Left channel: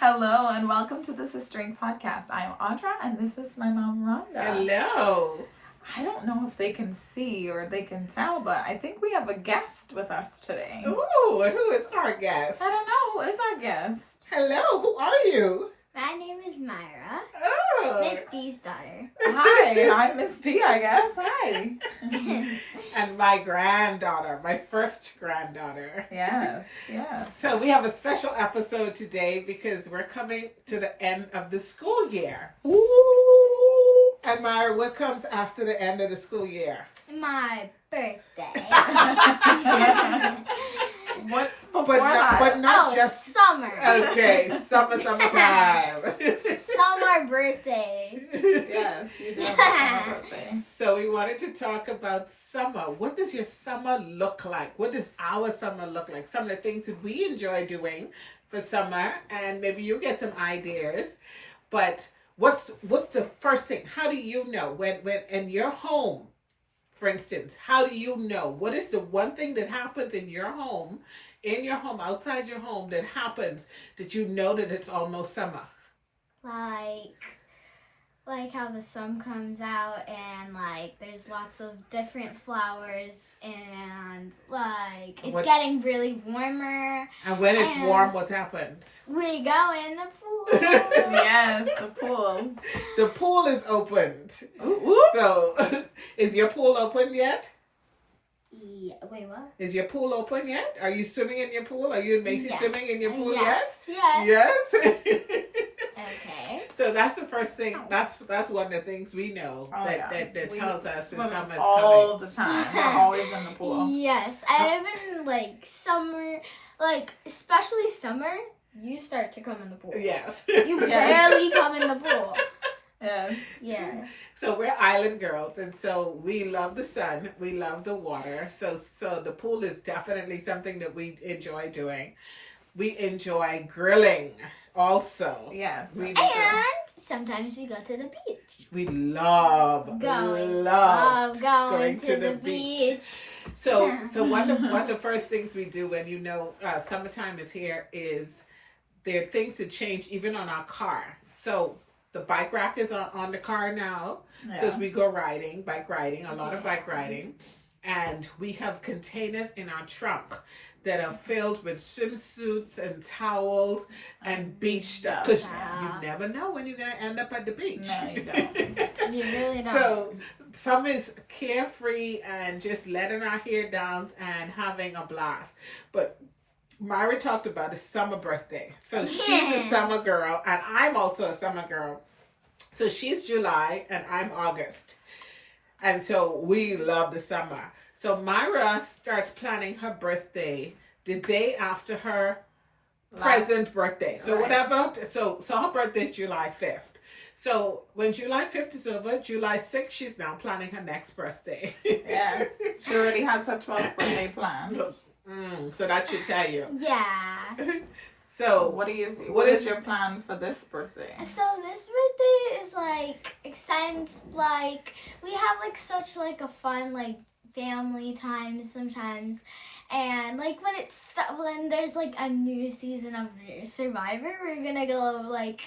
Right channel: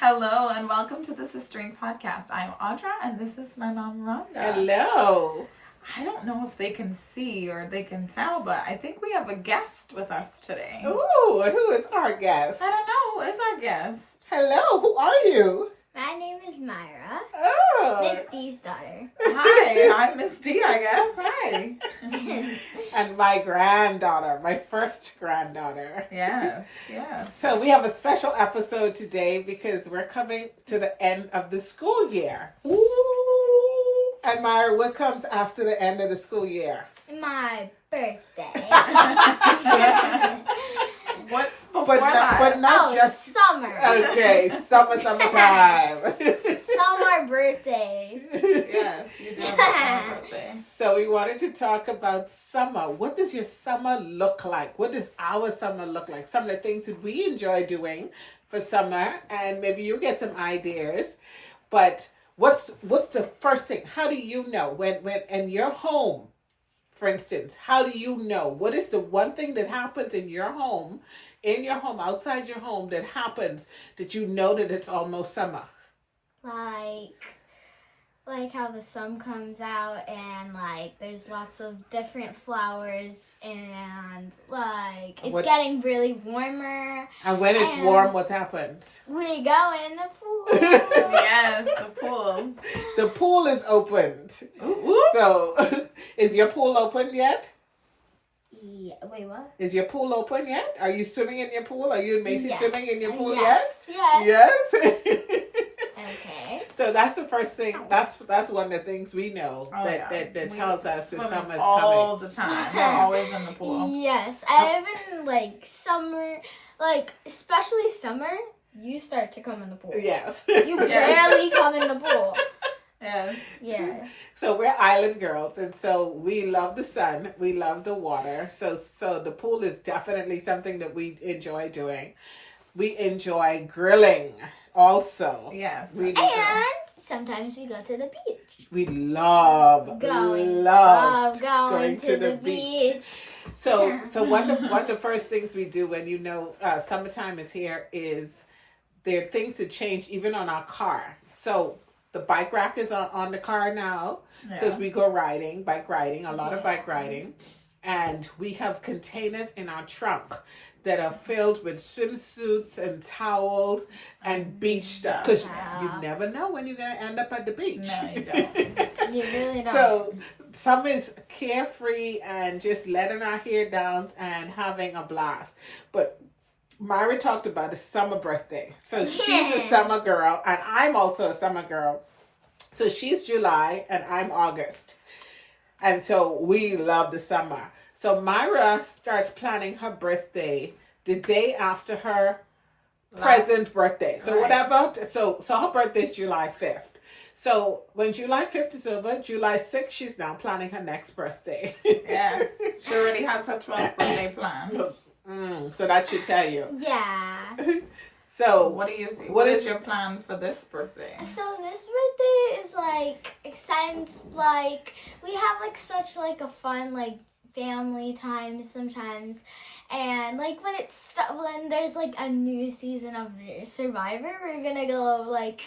Hello and welcome to the Sistering Podcast. I'm Audra and this is my mom Rhonda. Hello. I don't know if they can see or they can tell, but I think we have a guest with us today. Ooh, and who is our guest? I don't know. Who is our guest? Hello, who are you? My name is Myra, Oh. Miss D's daughter. Hi, I'm Miss D, I guess. Hi. And my granddaughter, my first granddaughter. Yes. So we have a special episode today because we're coming to the end of the school year. Ooh. And Myra, what comes after the end of the school year? My birthday. What's before that? But not just summer. Okay, summertime. Summer birthday. Yes, you do have a summer birthday. So we wanted to talk about summer. What does your summer look like? What does our summer look like? Some of the things that we enjoy doing for summer, and maybe you get some ideas. But what's the first thing? How do you know when in your home, for instance, how do you know? What is the one thing that happens in your home, outside your home that happens that you know that it's almost summer? Like how the sun comes out and like there's lots of different flowers and like it's getting really warmer. And when it's warm, what happens? We go in the pool. Yes, the pool. The pool is opened. Ooh, ooh. So, is your pool open yet? Yeah. Wait, what? Is your pool open yet? Are you swimming in your pool? Are you and Macy swimming in your pool yes. yet? Yes. Yes. Okay. So that's the first thing. That's one of the things we know that We tells us that swim summer's all coming. the time. We're always in the pool. Yes, and even like summer, like especially summer, you start to come in the pool. Yes. You barely come in the pool. Yes. Yeah. So we're island girls, and so we love the sun. We love the water. So the pool is definitely something that we enjoy doing. We enjoy grilling also. Yes. We do. And sometimes we go to the beach. We love Going to the beach. So one of the first things we do when summertime is here is there are things that change even on our car. So the bike rack is on the car now because we go bike riding, a lot of bike riding, and we have containers in our trunk that are filled with swimsuits and towels and beach stuff. Because you never know when you're going to end up at the beach. No, you don't. You really don't. So summer is carefree and just letting our hair down and having a blast. But Myra talked about a summer birthday. So she's a summer girl and I'm also a summer girl. So she's July and I'm August. And so we love the summer. So Myra starts planning her birthday the day after her present birthday. So whatever. So her birthday is July 5th. So when July 5th is over, July 6th, she's now planning her next birthday. Yes. She already has her 12th birthday planned. So that should tell you. Yeah. So What is your plan for this birthday? So this birthday is like since like we have like such like a fun like family time sometimes, and like when there's like a new season of Survivor, we're gonna go like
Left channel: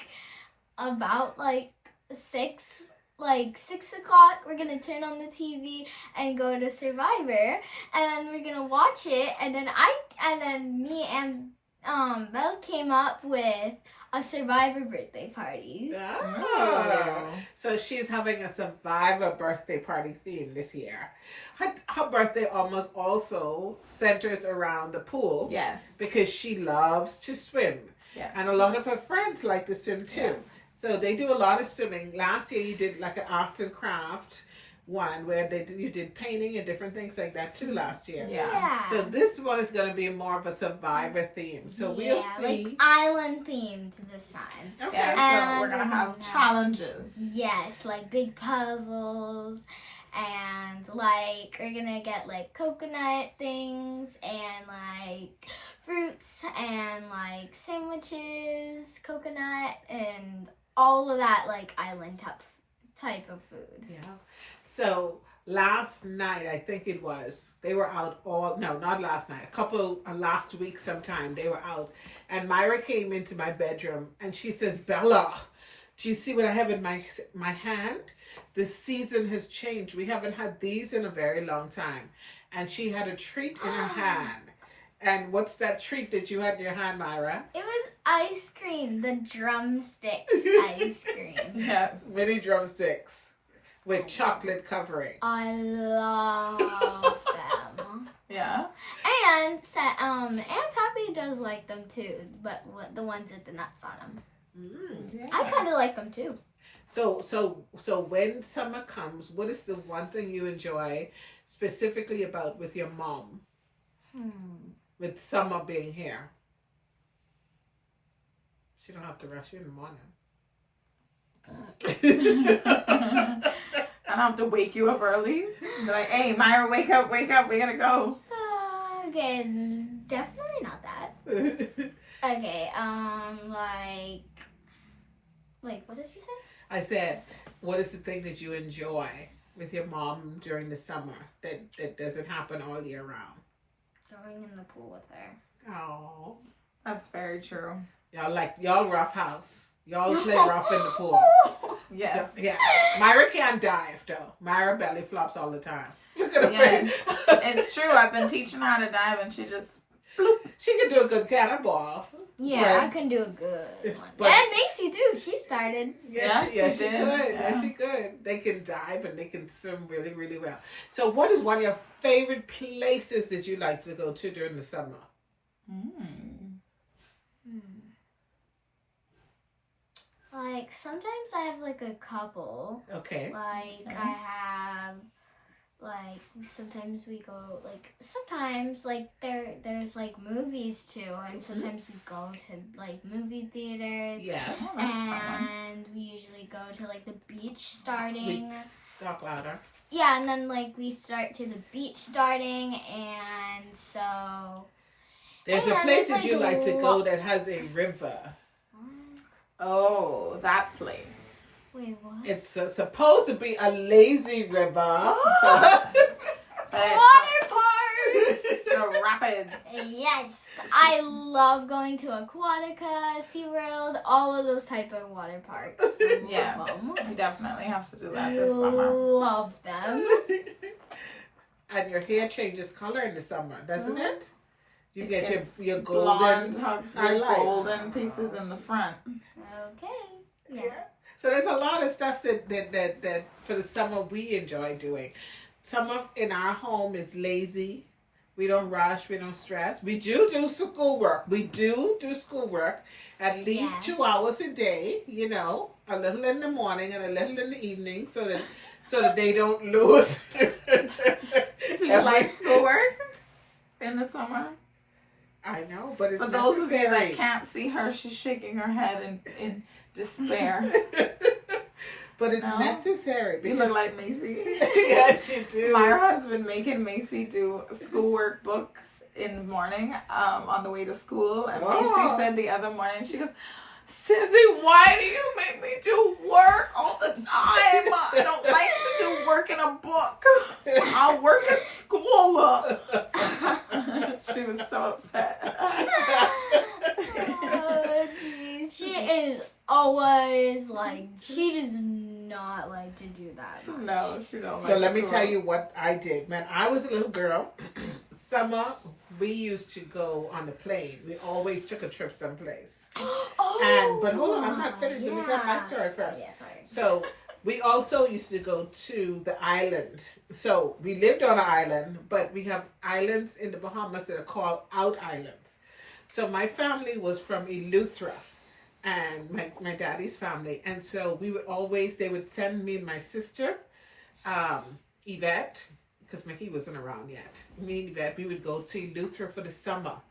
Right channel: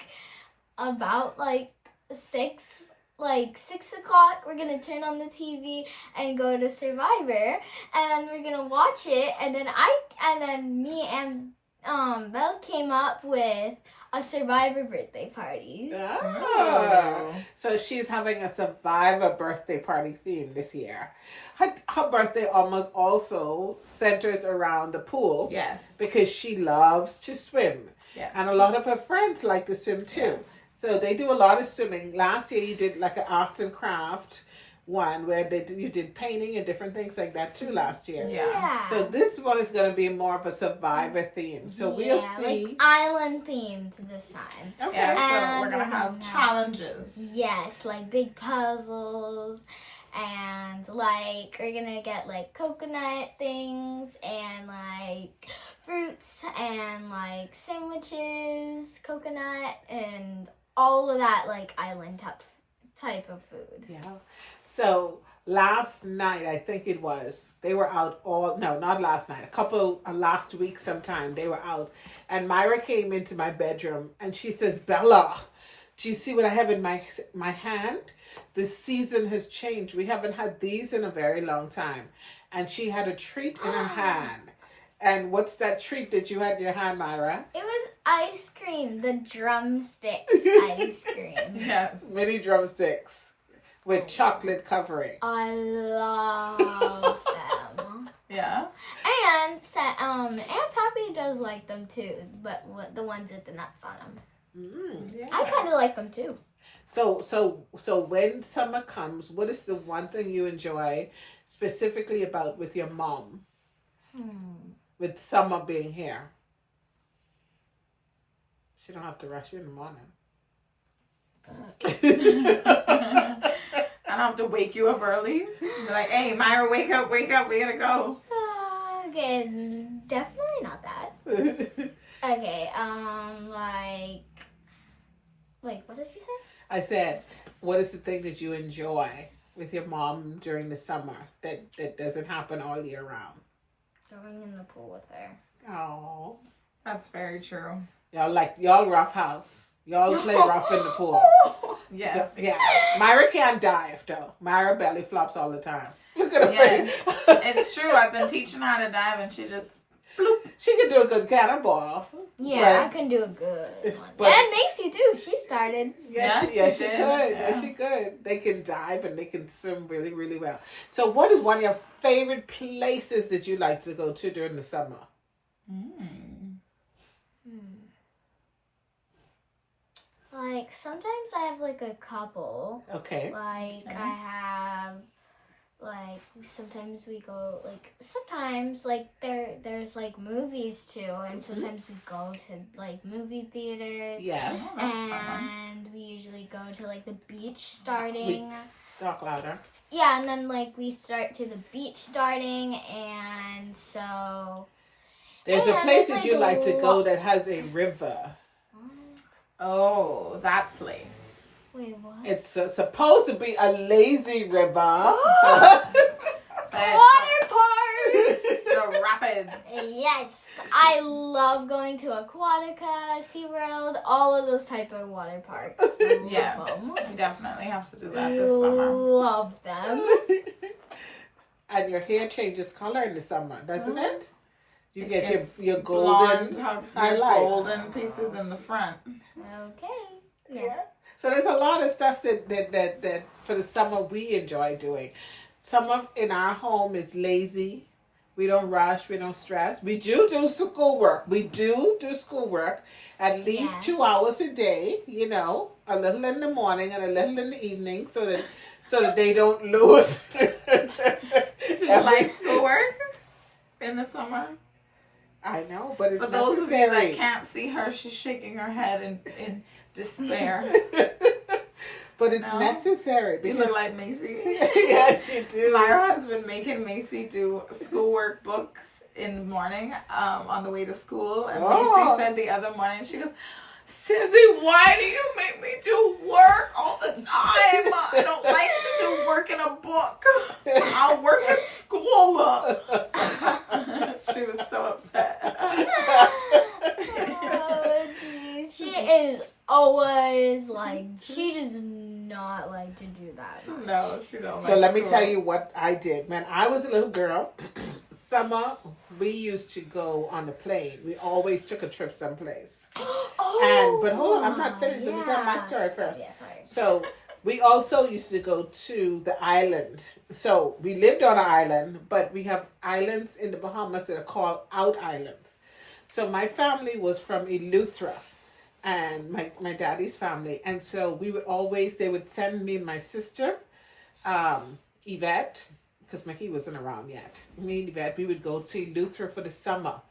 about like 6 o'clock. We're gonna turn on the TV and go to Survivor, and then we're gonna watch it, and then me and Belle came up with a Survivor birthday party. Oh. So she's having a Survivor birthday party theme this year. Her birthday almost also centers around the pool. Yes. Because she loves to swim. Yes. And a lot of her friends like to swim too. Yes. So they do a lot of swimming. Last year you did like an arts and craft one where you did painting and different things like that too last year. Yeah. So this one is going to be more of a Survivor theme. So we'll see. Like island themed this time. Okay. Yeah, so we're going to And have challenges. Yes, like big puzzles, and like we're gonna get like coconut things and like fruits and like sandwiches, coconut, and all of that like island type of food. Yeah. So last night, I think it was, they were out all, no, not last night, last week sometime, they were out. And Myra came into my bedroom and she says, Bella, do you see what I have in my hand? The season has changed. We haven't had these in a very long time. And she had a treat in her hand. And what's that treat that you had in your hand, Myra? It was ice cream, the drumsticks ice cream. Yes. Mini drumsticks with chocolate covering. I love them. Yeah. And Aunt Pappy does like them too, but the ones with the nuts on them. Mm. I kind of like them too. So when summer comes, what is the one thing you enjoy specifically about with your mom? With summer being here. She don't have to rush you in the morning. I don't have to wake you up early. Be like, hey, Myra, wake up, we gotta go. Okay, definitely not that. Okay, like what did she say? I said, what is the thing that you enjoy with your mom during the summer that doesn't happen all year round? Going in the pool with her. Oh, That's very true. y'all rough house. Y'all play rough in the pool. Yes. Yeah. Myra can't dive though. Myra belly flops all the time. Look at her Yes. face. It's true. I've been teaching her how to dive and she just bloop. She can do a good cannonball. Yeah, I But- can do a good one. but- And Macy too. She started. Yeah, she she could. did. Yeah, she could. They can dive and they can swim really, really well. So what is one of your favorite places that you like to go to during the summer? Like sometimes I have like a couple. Okay. Like Okay. I have like sometimes we go like sometimes like there's like movies too, and sometimes we go to like movie theaters. Yes. Oh, that's fun. And we usually go to like the beach starting. Talk louder. Yeah, and then like we start to the beach starting, and so There's a And place it's that like you a like to go lo- that has a river. Oh, that place. wait, what? It's supposed to be a lazy river. But Water parks. the rapids. Yes, I love going to Aquatica, SeaWorld, all of those type of water parks. Love Yes, them. we definitely have to do that this summer. Love them. And your hair changes color in the summer, doesn't it? You It get gets your blonde, golden. golden pieces in the front. Okay. Yeah. Yeah. So there's a lot of stuff that for the summer we enjoy doing. Summer in our home is lazy. We don't rush. We don't stress. We do schoolwork. We do schoolwork at least Yes. 2 hours a day. You know, a little in the morning and a little in the evening, so that they don't lose. Do you like schoolwork in the summer? I know, but it's For those of you necessary. that can't see her, she's shaking her head in despair. But it's No? necessary. You look like Macy. Yes, you do. Myra has been making Macy do schoolwork books in the morning on the way to school. And Oh. Macy said the other morning, she goes, Sissy, why do you make me do work all the time? I don't like to do work in a book. I'll work at school. She was so upset. Oh, jeez. She is always like, she does not like to do that. No, she don't. So like let me school. tell you what I did. When I was a little girl, summer, we used to go on the plane. We always took a trip someplace. But hold on, I'm not finished. Let me tell my story first. Oh, yeah, sorry. So we also used to go to the island. So we lived on an island, but we have islands in the Bahamas that are called out islands. So my family was from Eleuthera, and my daddy's family. And so we would always, they would send me and my sister, Yvette, because Mickey wasn't around yet. Me and Yvette, we would go to Eleuthera for the summer.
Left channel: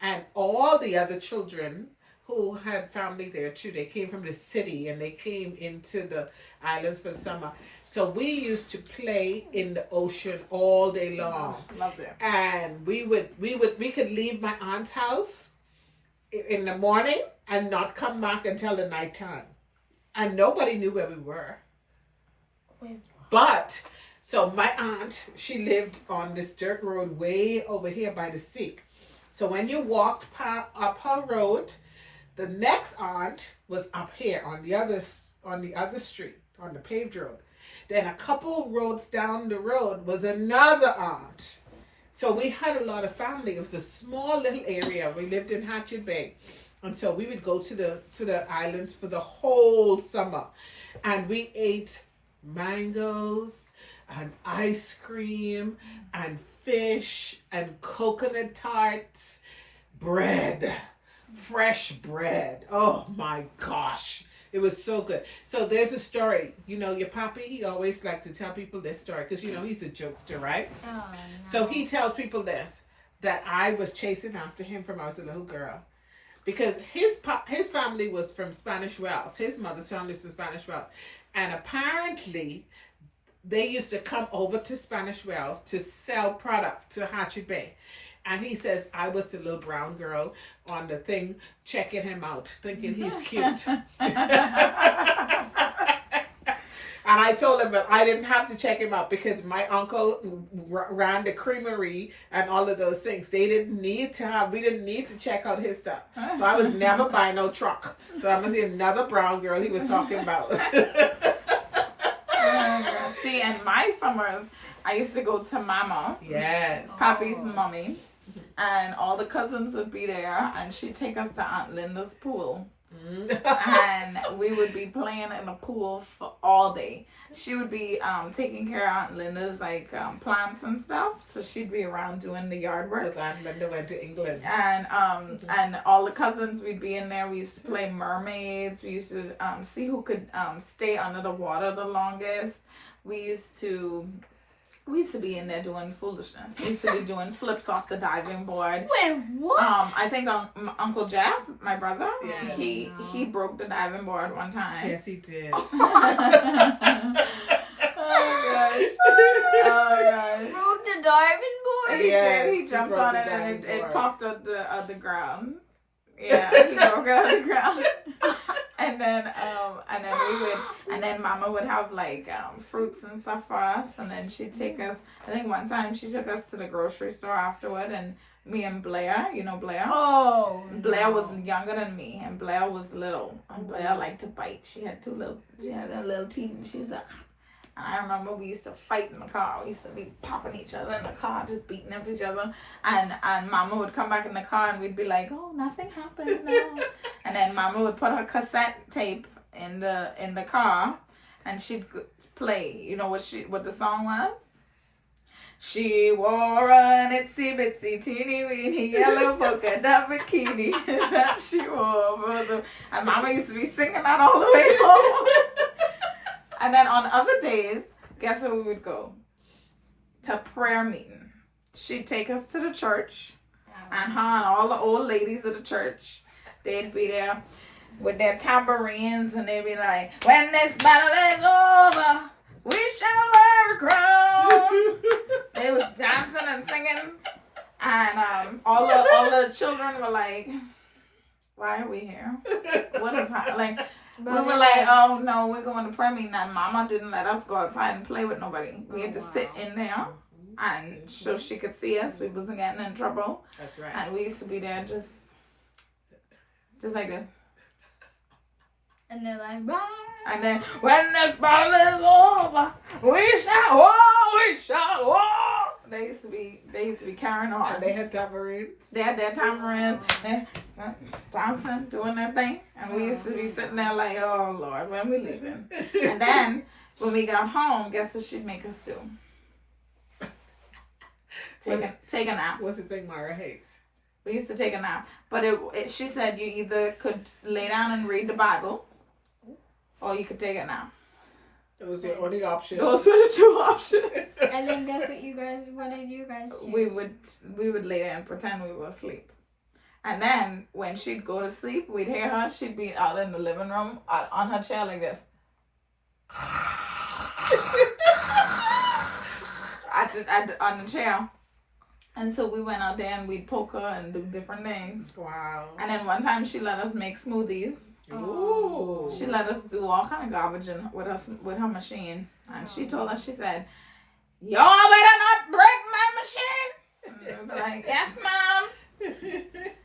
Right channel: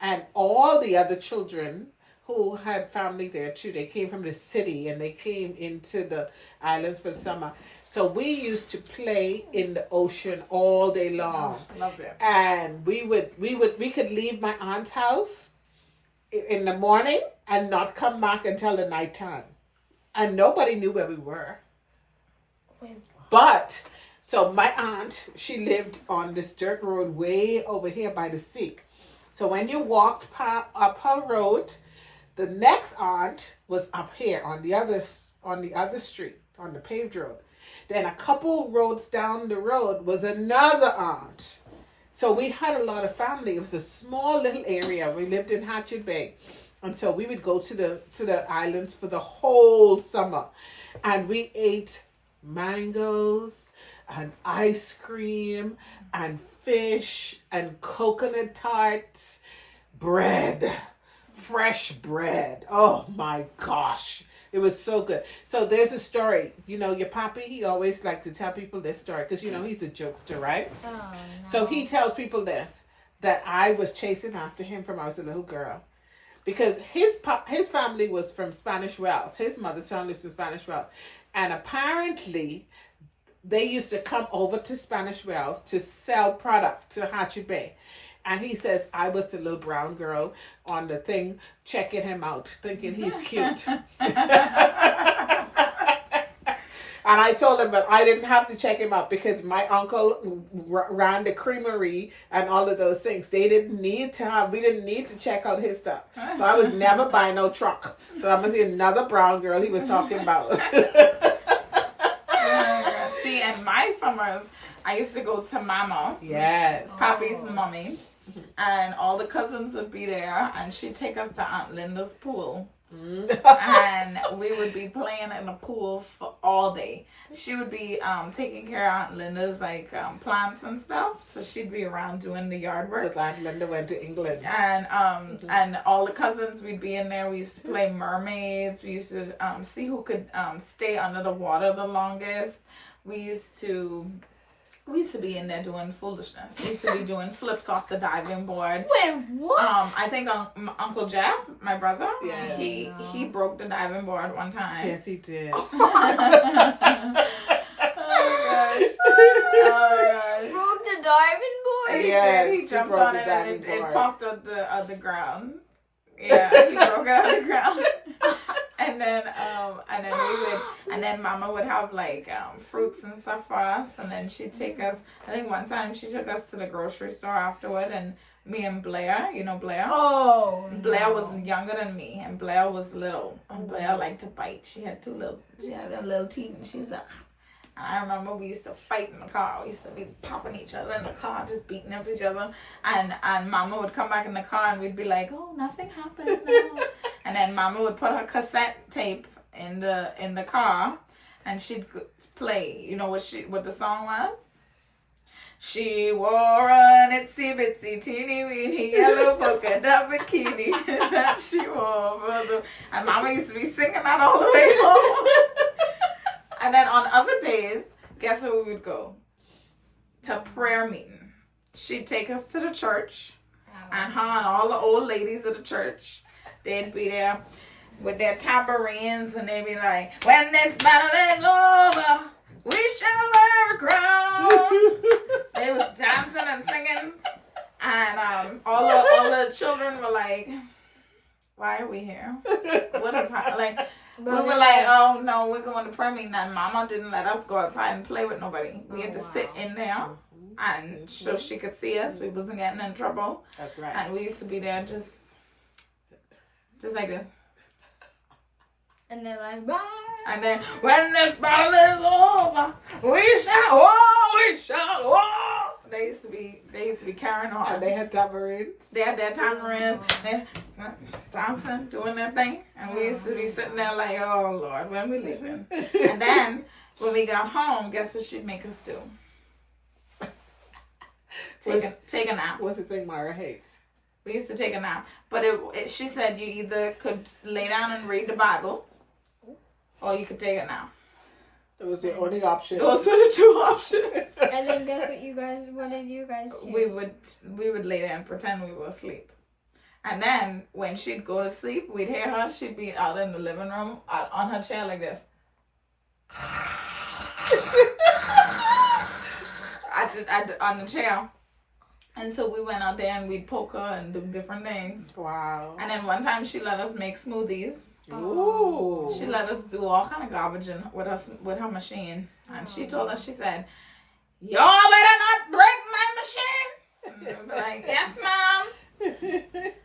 And all the other children who had family there too, they came from the city and they came into the islands for the summer. So we used to play in the ocean all day long. Love it. And we could leave my aunt's house in the morning and not come back until the nighttime. And nobody knew where we were. Wait, But So my aunt, she lived on this dirt road way over here by the sea. So when you walked up her road, the next aunt was up here on the other street, on the paved road. Then a couple roads down the road was another aunt. So we had a lot of family. It was a small little area. We lived in Hatchet Bay. And so we would go to the islands for the whole summer. And we ate mangoes and ice cream and fish and coconut tarts, bread, fresh bread. Oh my gosh. It was so good. So there's a story. You know, your papi, he always likes to tell people this story because, you know, he's a jokester, right? Oh, no. So he tells people this, that I was chasing after him from I was a little girl. Because his family was from Spanish Wells. His mother's family was from Spanish Wells. And apparently, they used to come over to Spanish Wells to sell product to Hatchet Bay. And he says, I was the little brown girl on the thing, checking him out, thinking he's cute. And I told him that I didn't have to check him out because my uncle ran the creamery and all of those things. We didn't need to check out his stuff. So I was never buying no truck. So I must see another brown girl he was talking about. See, in my summers, I used to go to Mama. Yes. Papi's mommy. And all the cousins would be there, and she'd take us to Aunt Linda's pool. And we would be playing in the pool for all day. She would be taking care of Aunt Linda's plants and stuff, so she'd be around doing the yard work. Because Aunt Linda went to England. And and all the cousins, we'd be in there. We used to play mermaids. We used to see who could stay under the water the longest. We used to be in there doing foolishness. We used to be doing flips off the diving board. Wait, what? I think Uncle Jeff, my brother, Yes. he broke the diving board one time. Yes, he did. Oh my gosh. Broke the diving board? Yes, He he jumped broke on the it and diving it board. popped up the ground. Yeah, he broke it on the ground. And then Mama would have fruits and stuff for us, and then she'd take us. I think one time she took us to the grocery store afterward, and me and Blair, you know Blair. Oh. Blair was younger than me, and Blair was little, and Blair liked to bite. She had them little teeth, and she's like. And I remember we used to fight in the car. We used to be popping each other in the car, just beating up each other. And Mama would come back in the car, and we'd be like, "Oh, nothing happened." No. And then Mama would put her cassette tape in the car, and she'd play. You know what the song was? She wore an itsy bitsy teeny weeny yellow polka dot bikini that she wore. And Mama used to be singing that all the way home. And then on other days, guess where we would go? To prayer meeting. She'd take us to the church, and her and all the old ladies of the church, they'd be there with their tambourines, and they'd be like, "When this battle is over, we shall wear the crown." They was dancing and singing, and all the children were like, "Why are we here? What is happening?" We were like, "Oh no, we're going to prayer meeting," and Mama didn't let us go outside and play with nobody. We had to sit in there, and so she could see us. We wasn't getting in trouble. That's right. And we used to be there just like this. And they're like, "Bye." And then when this battle is over, we shall. They used to be carrying on. And they had tambourines. They had their tamarins, they dancing, doing their thing. And we used to be sitting there like, "Oh, Lord, when we leaving?" And then when we got home, guess what she'd make us do? Take a nap. What's the thing Myra hates? We used to take a nap. But she said you either could lay down and read the Bible, or you could take a nap. It was the only option. Those were the two options. And then guess what did you guys choose? We would lay there and pretend we were asleep. And then when she'd go to sleep, we'd hear her. She'd be out in the living room on her chair like this. on the chair. And so we went out there and we'd poke her and do different things. Wow. And then one time she let us make smoothies. Ooh. She let us do all kind of garbage with her machine. And she told us, she said, y'all better not break my machine. And they'd be like, yes, ma'am.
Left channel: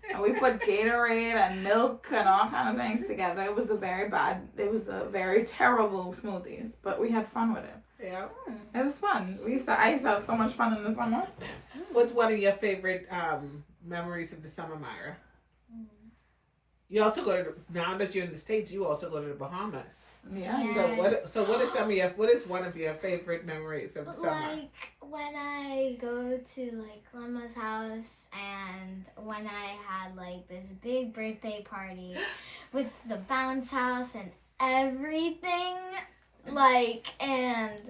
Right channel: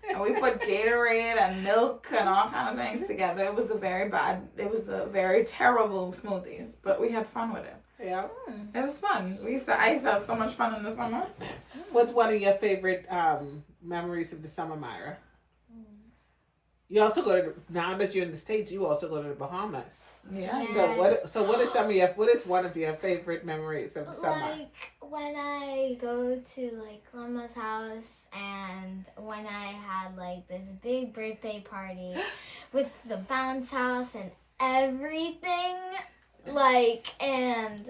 And we put Gatorade and milk and all kind of things together. It was a very terrible smoothies, but we had fun with it. Yeah. It was fun. I used to have so much fun in the summers. What's one of your favorite memories of the summer, Myra? You also go to now that you're in the States, you also go to the Bahamas. Yeah. Yes. So what is one of your favorite memories of the summer? Like when I go to like Grandma's house and when I had like this big birthday party with the bounce house and everything, like and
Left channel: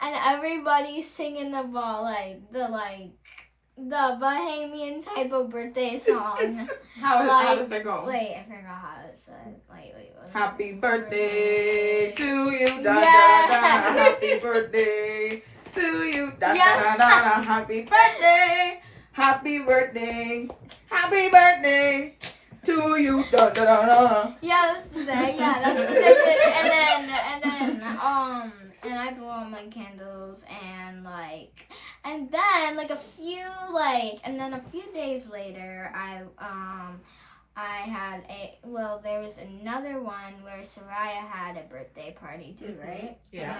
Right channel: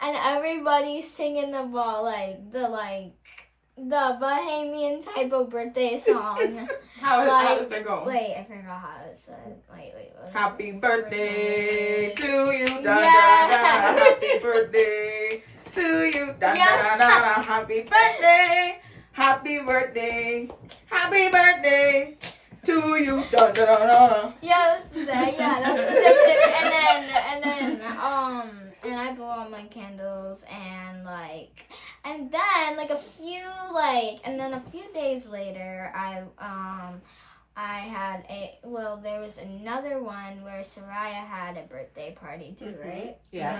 everybody singing about the Bahamian type of birthday song. How does it go? Wait, I forgot how it said. Wait. What was Happy it? birthday to you, da Yes. da da. Happy birthday to you, da da da. Happy birthday, happy birthday, happy birthday to you, da da da. Yeah, that's what they did. And I blew out my candles and then a few days later there was another one where Soraya had a birthday party too, right? Yeah.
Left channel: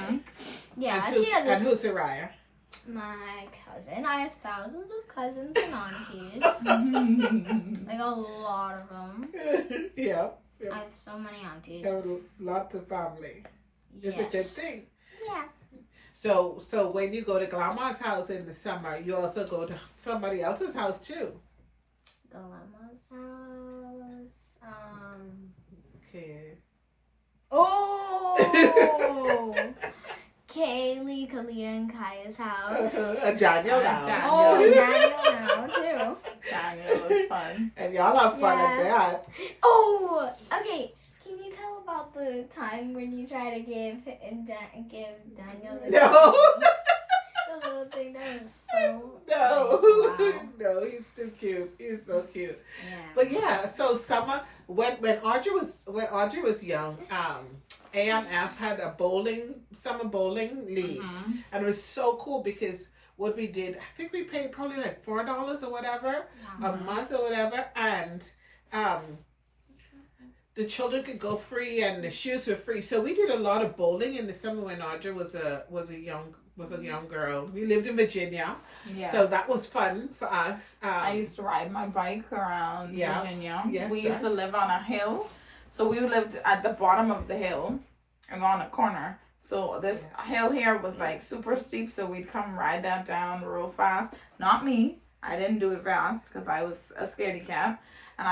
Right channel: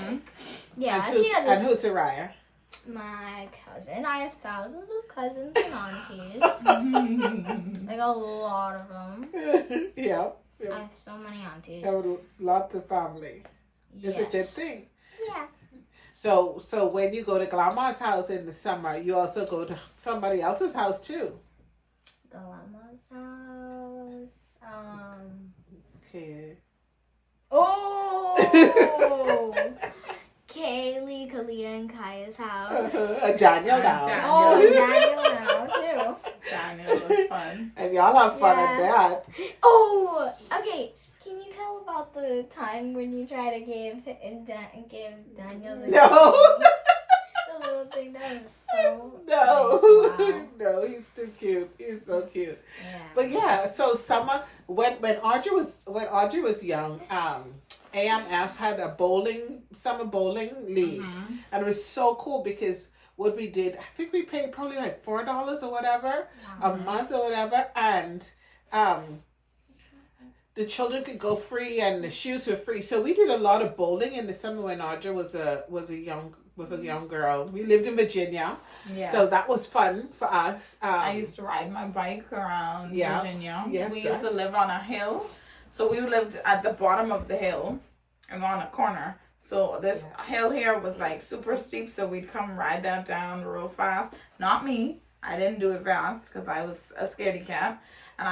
Yeah, And she had this. And who's Soraya? My cousin. I have thousands of cousins and aunties. Like a lot of them. Yeah. I have so many aunties. There were lots of family. Yes. It's a good thing. Yeah. So when you go to Grandma's house in the summer, you also go to somebody else's house too. Grandma's house. Okay. Oh! Kaylee, Kalia, and Kaya's house. Daniel now. Daniel. Oh, Daniel now too. Daniel was fun. And y'all have fun at that. Oh, okay. Can you tell about the time when you try to give Daniel the No. the little thing that was so No. wow. No, he's too cute. He's so cute. Yeah. But yeah, so summer when Audrey was young, AMF had a summer bowling league. Mm-hmm. And it was so cool because what we did, I think we paid probably like $4 or whatever a month or whatever, and the children could go free and the shoes were free. So we did a lot of bowling in the summer when Audrey was a young girl. We lived in Virginia, so that was fun for us. I used to ride my bike around Virginia. Yes, we used to live on a hill. So we lived at the bottom of the hill and on a corner. So this hill here was like super steep. So we'd come ride that down real fast. Not me. I didn't do it fast because I was a scaredy cat. And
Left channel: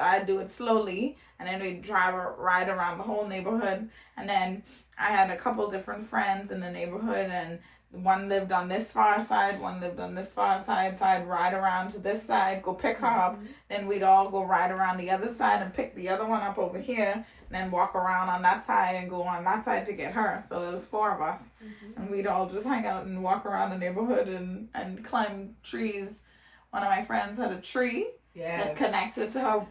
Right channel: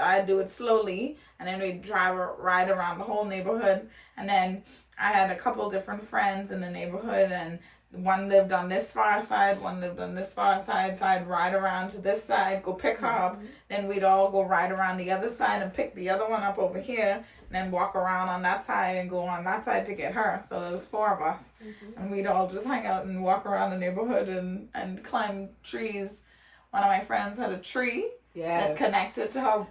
I'd do it slowly. And then we'd ride around the whole neighborhood. And then I had a couple different friends in the neighborhood. And one lived on this far side, one lived on this far side. So I'd ride around to this side, go pick her up. Then we'd all go ride around the other side and pick the other one up over here. And then walk around on that side and go on that side to get her. So it was 4 of us. And we'd all just hang out and walk around the neighborhood and climb trees. One of my friends had a tree that connected to her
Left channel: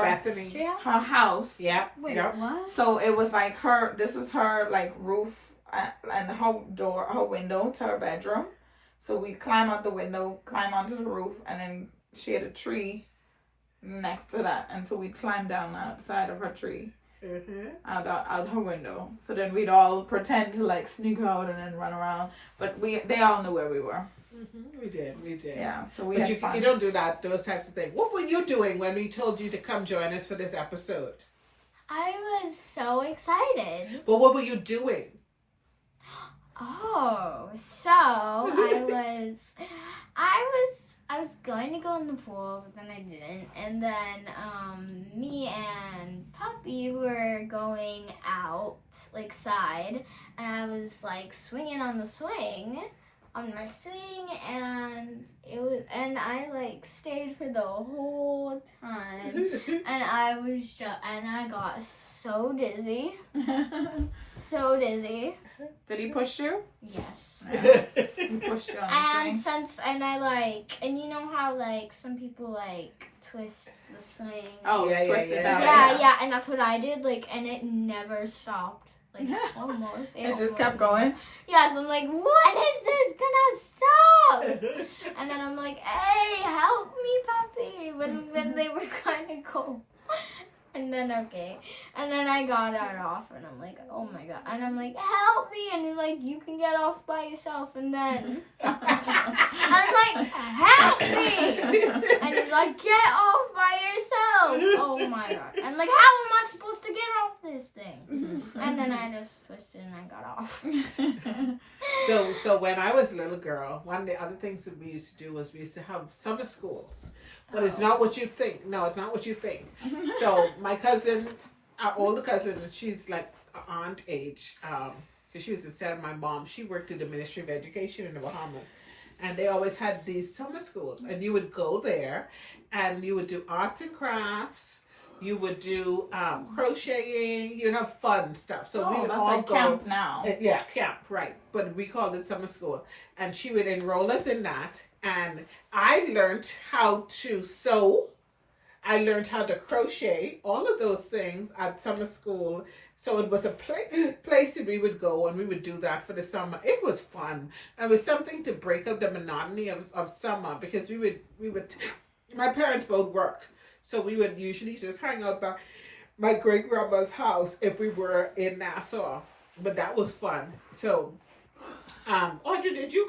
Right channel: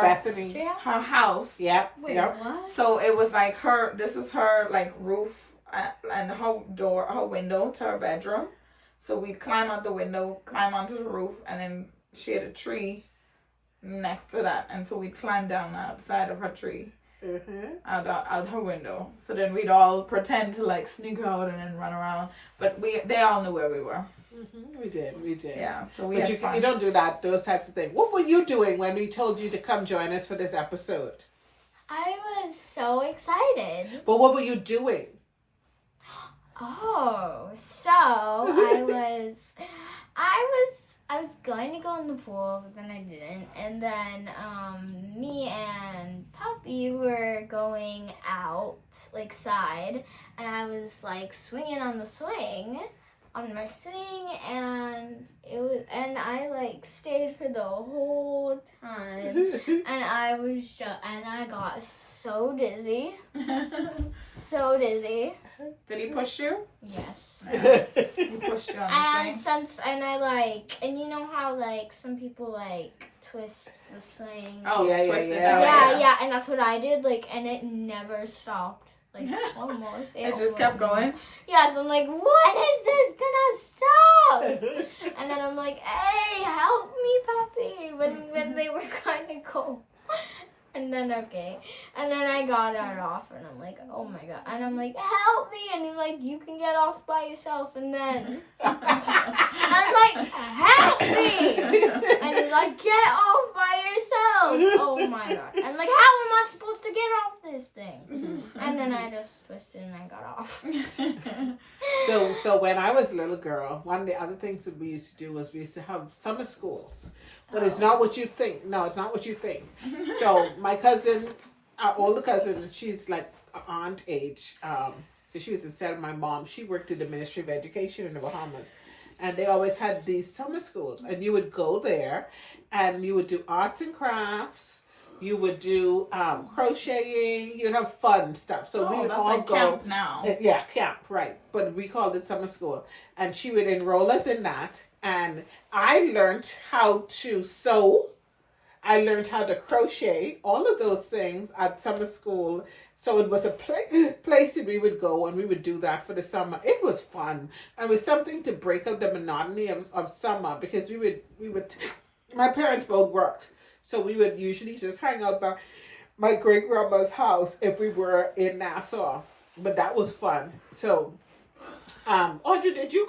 Bethany. her house. Yep. Wait, Yep. what? So it was like this was her like roof and her window to her bedroom. So we'd climb out the window, climb onto the roof, and then she had a tree next to that. And so we'd climb down outside of her tree, out her window. So then we'd all pretend to like sneak out and then run around. But they all knew where we were. We did. Yeah, so we But had fun. you don't do those types of things. What were you doing when we told you to come join us for this episode? I was so excited. But what were you doing? Oh, so I was going to go in the pool, but then I didn't. And then me and Poppy were going out, like side, and I was like swinging on the swing. On my swing, and I like stayed for the whole time, and I got so dizzy. Did he push you? Yes. He pushed you on the swing. And you know how like some people like twist the swing. Oh, Yeah, twist it yeah. down. Yeah, and that's what I did. Like, and it never stopped. Like almost. It just almost kept going. Yes, I'm like, when is this gonna stop? And then I'm like, hey, help me, puppy. When they were kind of cold. And then okay. And then I got it off and I'm like, oh my god. And I'm like, help me. And he's like, you can get off by yourself. And then I'm like, help me. And he's like, get off by yourself. Oh my god. And like, how am I supposed to get off this thing? And then I just twisted and I got off. So when I was a little girl, one of the other things that we used to do was we used to have summer schools. But it's not what you think. No, it's not what you think. So my cousin, our older cousin, she's like aunt age, because she was instead of my mom. She worked in the Ministry of Education in the Bahamas. And they always had these summer schools. And you would go there and you would do arts and crafts. You would do crocheting. You'd have fun stuff. So we would that's all like go. camp now. Yeah, camp, right. But we called it summer school. And she would enroll us in that. And I learned how to sew. I learned how to crochet. All of those things at summer school. So it was a place that we would go and we would do that for the summer. It was fun. It was something to break up the monotony of summer because we would, my parents both worked. So we would usually just hang out by my great grandma's house if we were in Nassau. But that was fun. So, Audrey, did you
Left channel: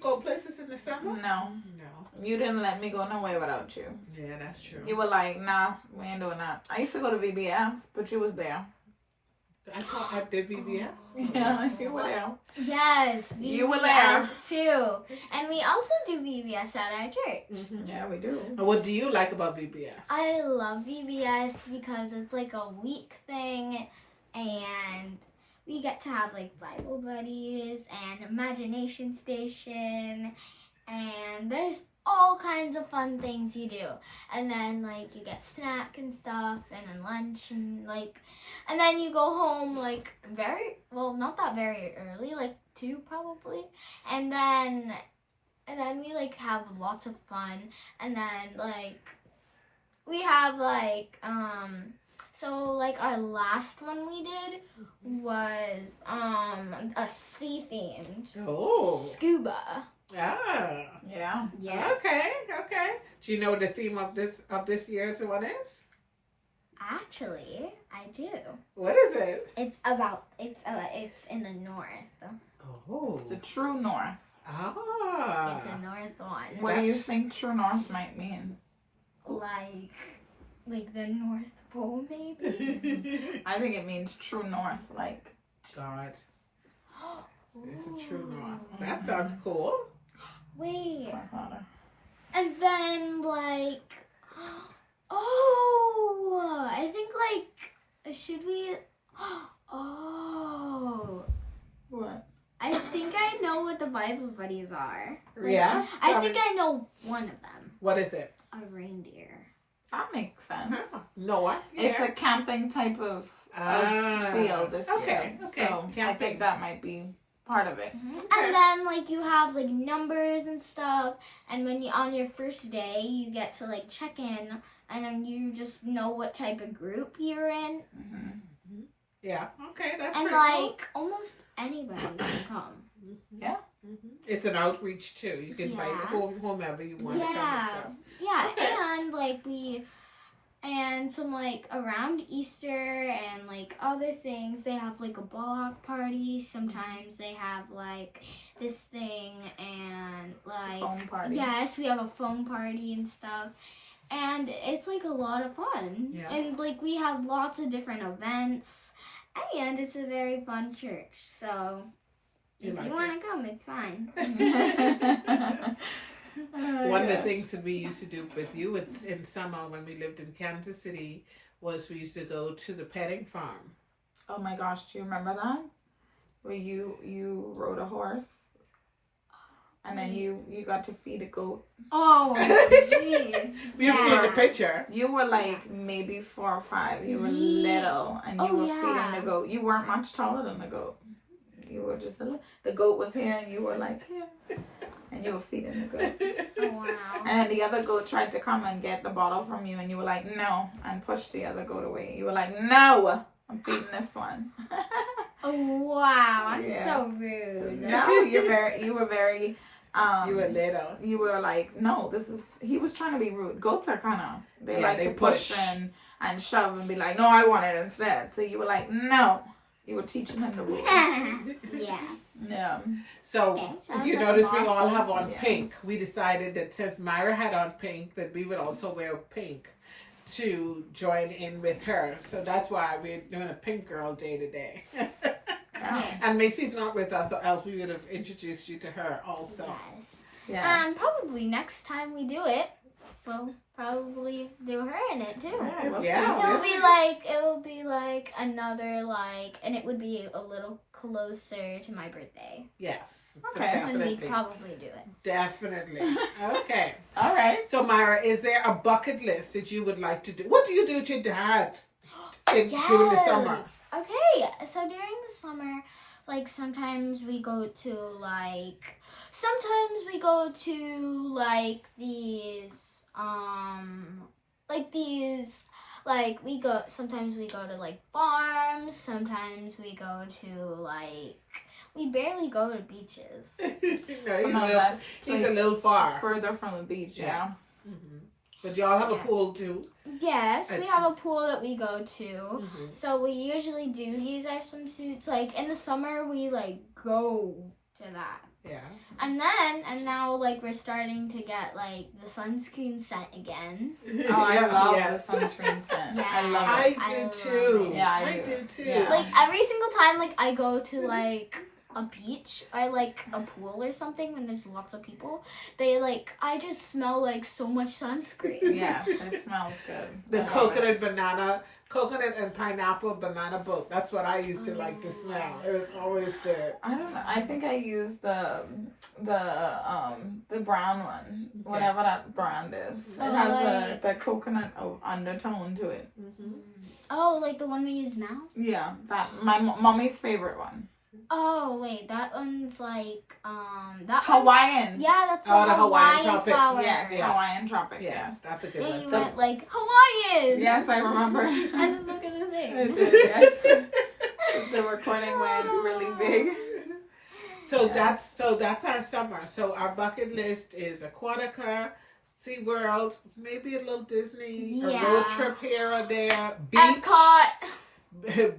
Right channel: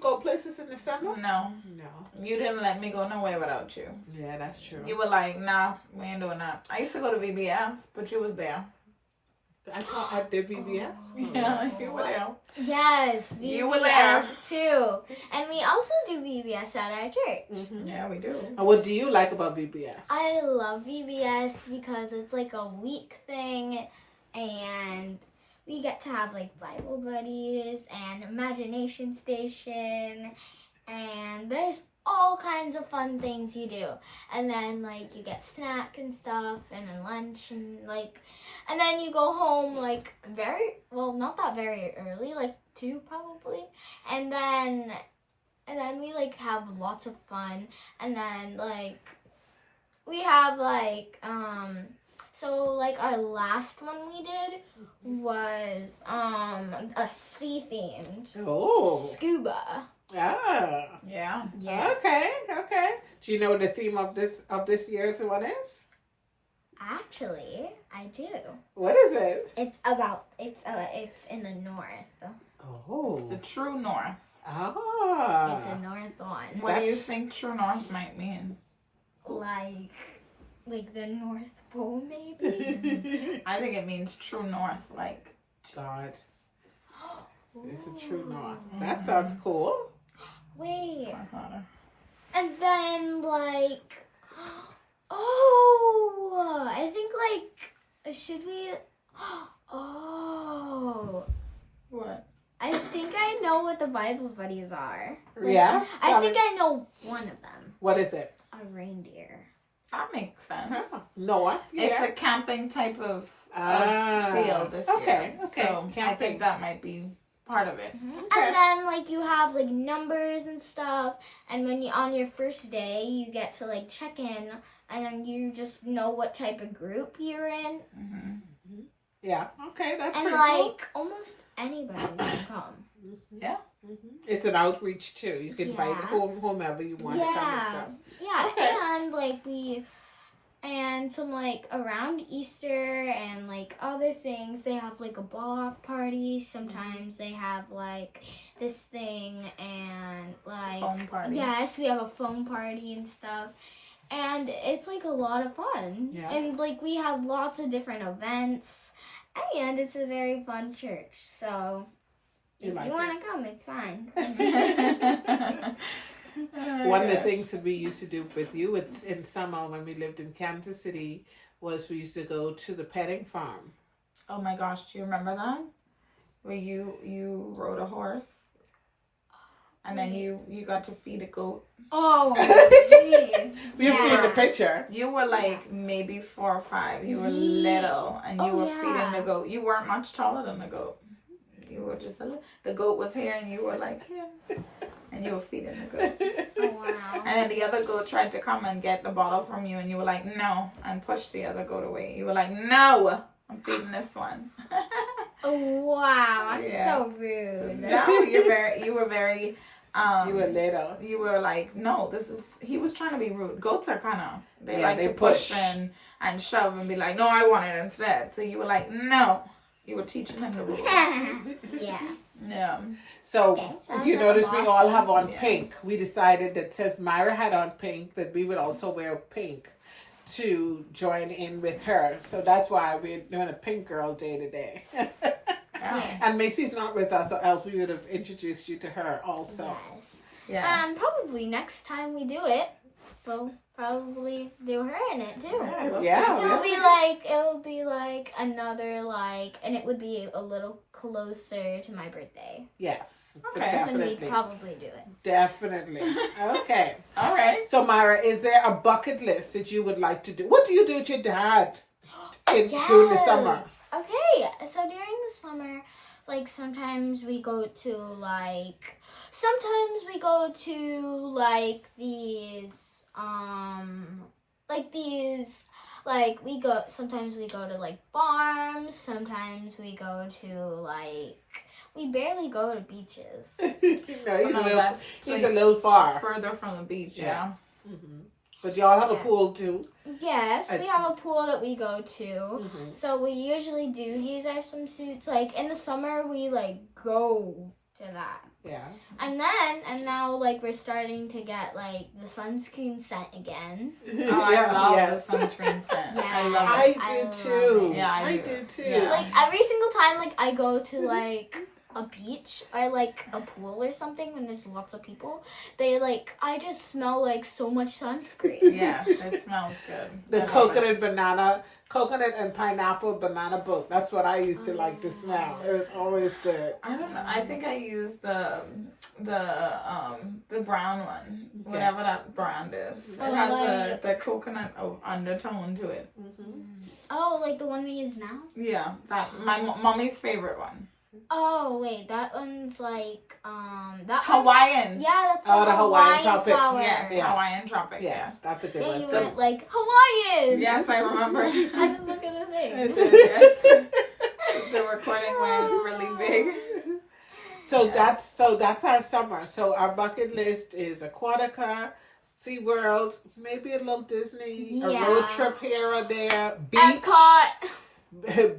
go places in the summer? No. No. You didn't let me go nowhere without you. Yeah, that's true. You were like, nah, we ain't doing that. I used to go to VBS, but you was there. I thought I did VBS. Yeah, you were there. Yes, VBS You were there. too. And we also do VBS at our church. Mm-hmm. Yeah, we do. And what do you like about VBS? I love VBS because it's like a week thing and we get to have like Bible buddies and imagination station and there's all kinds of fun things you do. And then like you get snack and stuff and then lunch and like and then you go home like not that very early, like 2 probably. And then we like have lots of fun and then like we have like so like our last one we did was a sea themed scuba. Ah. Yeah. Yes. Okay. Do you know what the theme of this year's one is? Actually, I do. What is it? It's in the north. Oh. It's the true north. Ah. It's a north one. What do you think true north might mean? Like the North Pole, maybe? I think it means true north, like God. It's a true north. That sounds cool. Wait. my father. And then, like, I think, like, should we, What? I think I know what the Bible buddies are. Yeah? I think I know one of them. What is it? A reindeer. That makes sense. Noah? It's Yeah. a camping type of field this okay, year. okay. So I Camping. think that might be part of it. And then, like, you have, like, numbers and stuff. And when on your first day, you get to, like, check in. And then you just know what type of group you're in. Mm-hmm. Yeah. Okay, that's And, pretty like, almost anybody can come. Yeah. cool. It's an outreach too. You can invite Yeah. whomever you want to come and stuff. Yeah, Okay. and like some like around Easter and like other things, they have like a block party. Sometimes they have like this thing and like Phone party. yes, we have a phone party and stuff. And it's like a lot of fun. Yeah. And like we have lots of different events and it's a very fun church. So You if like you it? want to come, it's fine. One of the things that we used to do with you, it's in summer when we lived in Kansas City, was we used to go to the petting farm. Oh my gosh, do you remember that? Where you rode a horse and then you got to feed a goat. Oh, jeez. You've seen the picture. You were like maybe 4 or 5. You were Yeah. little and you Oh, were yeah. feeding the goat. You weren't much taller than the goat. You were just the goat was here and you were like here. And you were feeding the goat. Oh, wow. And then the other goat tried to come and get the bottle from you and you were like, no, and pushed the other goat away. You were like, no, I'm feeding this one. Wow, I'm Yes. so rude. No, you were very, You were little. you were like, no, he was trying to be rude. Goats are kind of, they like they to push push. and shove and be like, no, I want it instead. So you were like, no. You were teaching them the rules. Yeah. Yeah. So Okay, sounds you like notice a we boss all lady. have on Yeah. pink. We decided that since Myra had on pink, that we would also wear pink to join in with her. So that's why we're doing a pink girl day today. Yeah. And Macy's not with us, or else we would have introduced you to her also. Yes. Yes. And probably next time we do it, we'll probably do her in it too. Yeah, we'll Yeah, see. It will be like another like, and it would be a little closer to my birthday. Yes. Okay. When we Definitely. probably do it. Definitely. Okay. All right. So Myra, is there a bucket list that you would like to do? What do you do with your dad during the summer? Okay, so during the summer, like sometimes we go to like sometimes we go to like farms, sometimes we go to like, we barely go to beaches. No, No, that's he's a little far. further from the beach. Yeah. Mhm. But y'all have a Yeah. pool too. Yes, we have a pool that we go to. Mhm. So we usually do use our swimsuits. Like in the summer, we like go to that. Yeah. And now like we're starting to get like the sunscreen scent again. Oh, I love yes. the sunscreen scent. Yes. I love I it. I do love too. it. Yeah, I I do. do too. Yeah. Like every single time like I go to like a beach or like a pool or something when there's lots of people, I just smell like so much sunscreen. Yes, it smells good. The I love coconut and pineapple banana boat. That's what I used to like to smell. It was always good. I don't know. I think I use the brown one, whatever that brand is. It Oh, has like- the coconut undertone to it. Oh, like the one we use now? Yeah, that my mommy's favorite one. Oh wait, that one's like that Hawaiian. One, yeah, that's Oh, the Hawaiian Hawaiian tropics. flower. Yes, Yes. Hawaiian tropic. Yes, that's a good Yeah, one you too. went like Hawaiian. Yes, I remember. And then look at the thing. It did, yes. The recording went really big. So Yes. that's our summer. So our bucket list is Aquatica, SeaWorld, maybe a little Disney, a road Yeah. trip here or there, Epcot.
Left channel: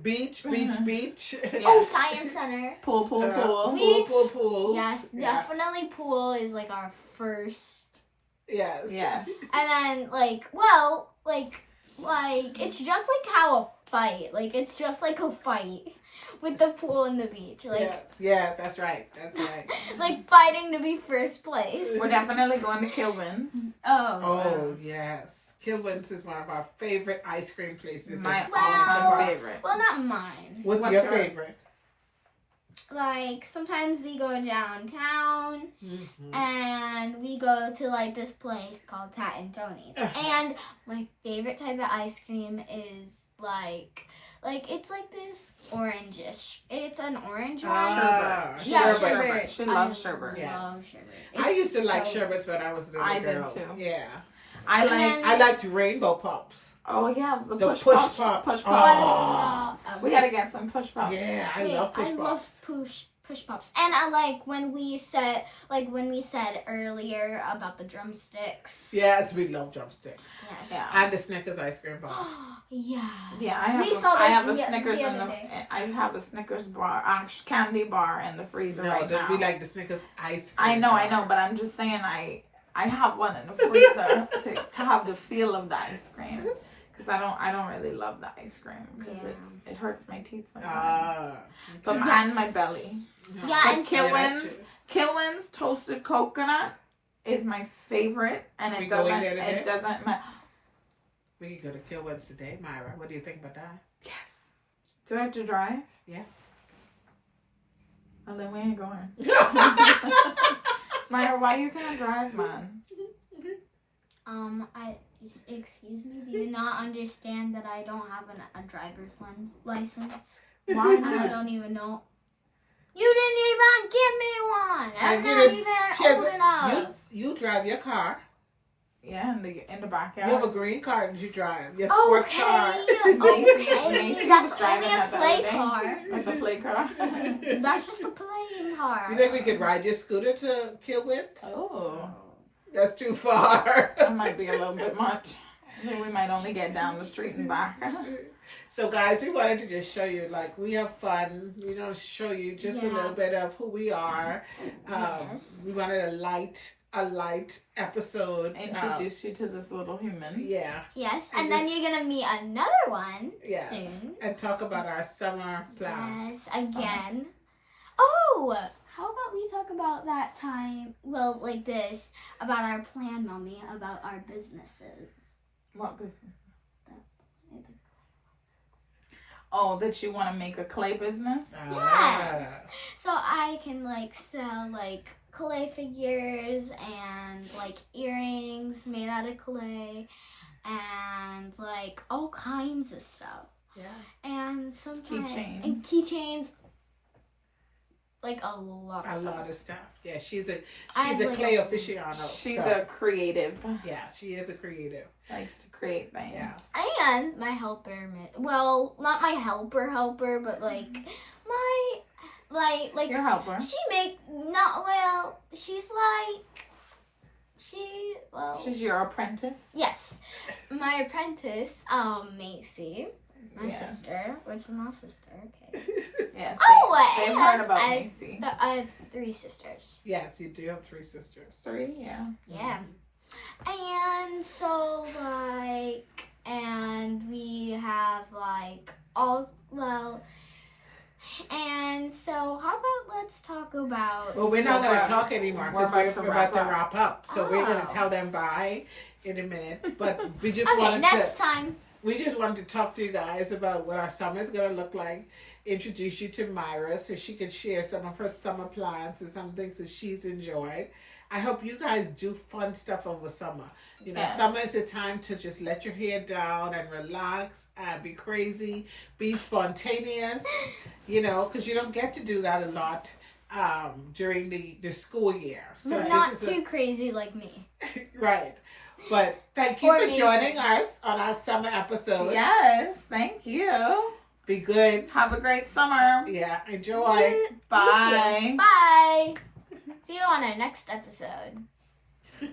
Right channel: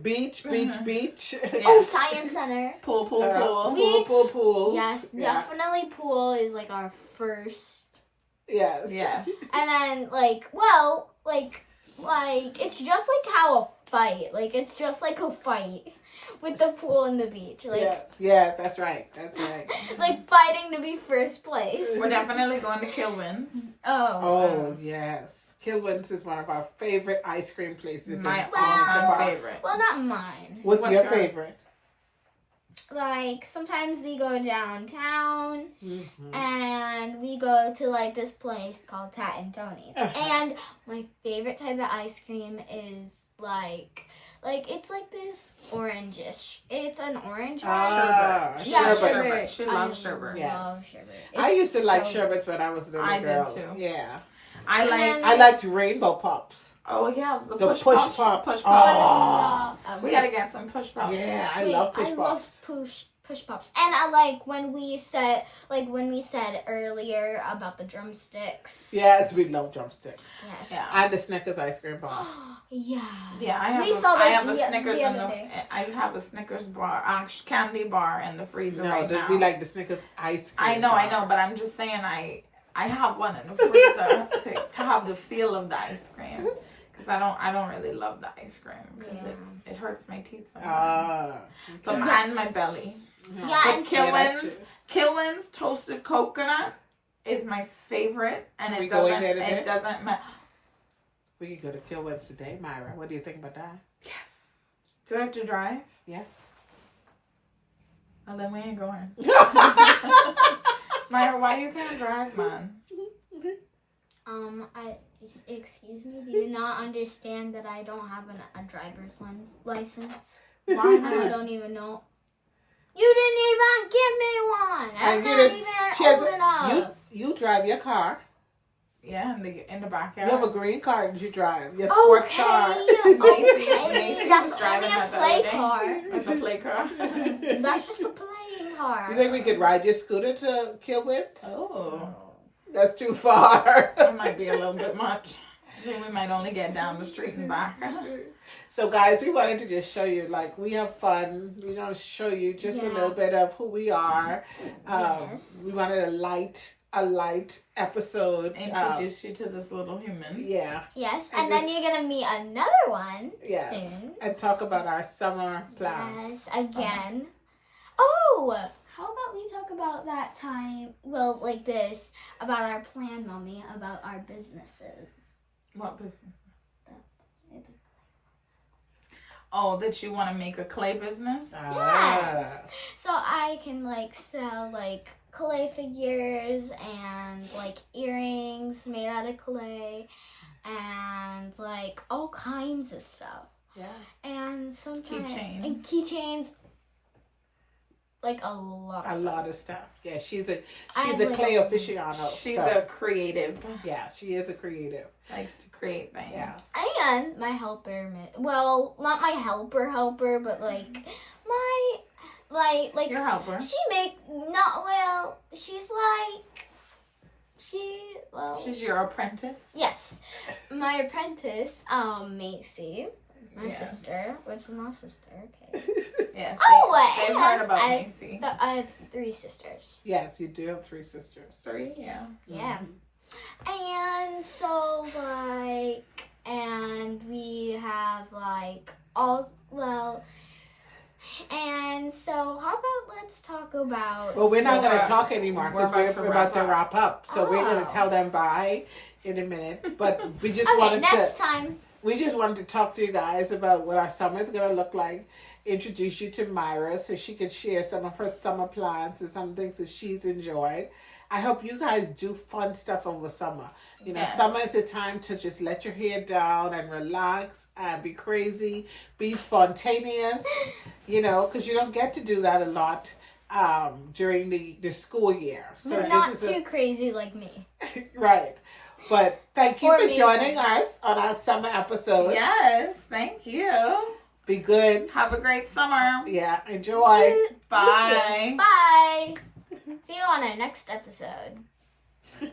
beach. Yes. Oh, Science Center. Pool. Pools. Yes, Yeah. definitely pool is like our first. Yes. Yes. And then it's just like how a fight. Like it's just like a fight with the pool and the beach. Like Yes, that's right. like fighting to be first place. We're definitely going to Kilwins. Oh, yes. Kilwins is one of our favorite ice cream places. My in all-time Baltimore. favorite. Well, not mine. What's What's your yours? favorite? Like sometimes we go downtown Mhm. and we go to like this place called Pat and Tony's. And my favorite type of ice cream is like it's like this orangish. It's an orange one. Ah, Yeah, sherbet. sherbet. She loves I sherbet. Yes. love sherbet. I used to like so sherbets when I was a little I did girl. too. Yeah. I And like. then- I liked rainbow pops. Oh yeah, the The push push pops. pops. Push Oh. pops. No, We gotta get some push pops. Yeah, I Wait, love push I pops. love push pops. And I like when we said earlier about the drumsticks. Yes, we love drumsticks. Yes. Yeah. And the Snickers ice cream bar. Yeah. Yeah, I have. We saw I those have a the- Snickers the in other the. day. I have a Snickers bar, candy bar in the freezer right now. we like the Snickers ice cream. I know, bar. but I'm just saying I have one in the freezer to have the feel of the ice cream. Because I don't really love the ice cream because it hurts my teeth sometimes. But and my belly. Yeah, But and Kilwins toasted coconut is my favorite, and We it going doesn't there today? it doesn't matter. We can go to Kilwins today, Myra. What do you think about that? Yes. Do I have to drive? Yeah. Well, then we ain't going. Myra, why you can't drive, man? excuse me, do you not understand that I don't have a driver's license? Why And I not? don't even know. You didn't even give me one. I'm And you not didn't- even She has old enough. you drive your car. Yeah, in the backyard. You have a green car and you drive. Your sports Okay, car. Macy that's was driving only a that the play other day. car. That's a play car. That's just a playing car. You think we could ride your scooter to Kilwit? Oh, That's too far. that might be a little bit much. I think we might only get down the street and back. So guys, we wanted to just show you, like, we have fun. We want to show you just a Yeah. little bit of who we are. Yes. We wanted a light episode. Introduce you to this little human. Yeah. Yes, And and then just- you're gonna meet another one Yes. soon. And talk about our summer plans. Yes, again. Oh, how about we talk about that time? Well, like this about our plan, Mommy, about our businesses. What business? Oh, that you want to make a clay business? Yes. So I can like sell like clay figures and like earrings made out of clay and like all kinds of stuff. Yeah. And sometimes Keychains. and keychains, like a lot of A stuff. lot of stuff. Yeah, she's a I have, like, clay a- aficionado. She's so, a creative. yeah, she is a creative. Likes to create things. Yeah. And my helper, well, not my helper, but like my like Your helper. she make not well. She's like She's your apprentice. yes, my apprentice, Macy, my Yes. sister. What's my sister? Okay. Yes. Oh, they've and heard about I- Macy. I have 3 sisters. Yes, you do have 3 sisters. 3, yeah. Yeah. And so like and we have like all and so how about let's talk about Well, we're not Well, going to we're- talk anymore we're because about we're to about to wrap wrap up. So we're going Oh. to tell them bye in a minute. But we just okay, wanted next to time. we just wanted to talk to you guys about what our summer is going to look like. Introduce you to Myra so she could share some of her summer plans and some things that she's enjoyed. I hope you guys do fun stuff over summer. You know, Yes. summer is a time to just let your hair down and relax and be crazy, be spontaneous, you know, because you don't get to do that a lot during the school year. So But not this is too crazy like me. right. But thank you Or for me, joining so- us on our summer episode. Yes, thank you. Be good. Have a great summer. Yeah, enjoy. You too. Bye. Bye. See you on our next episode.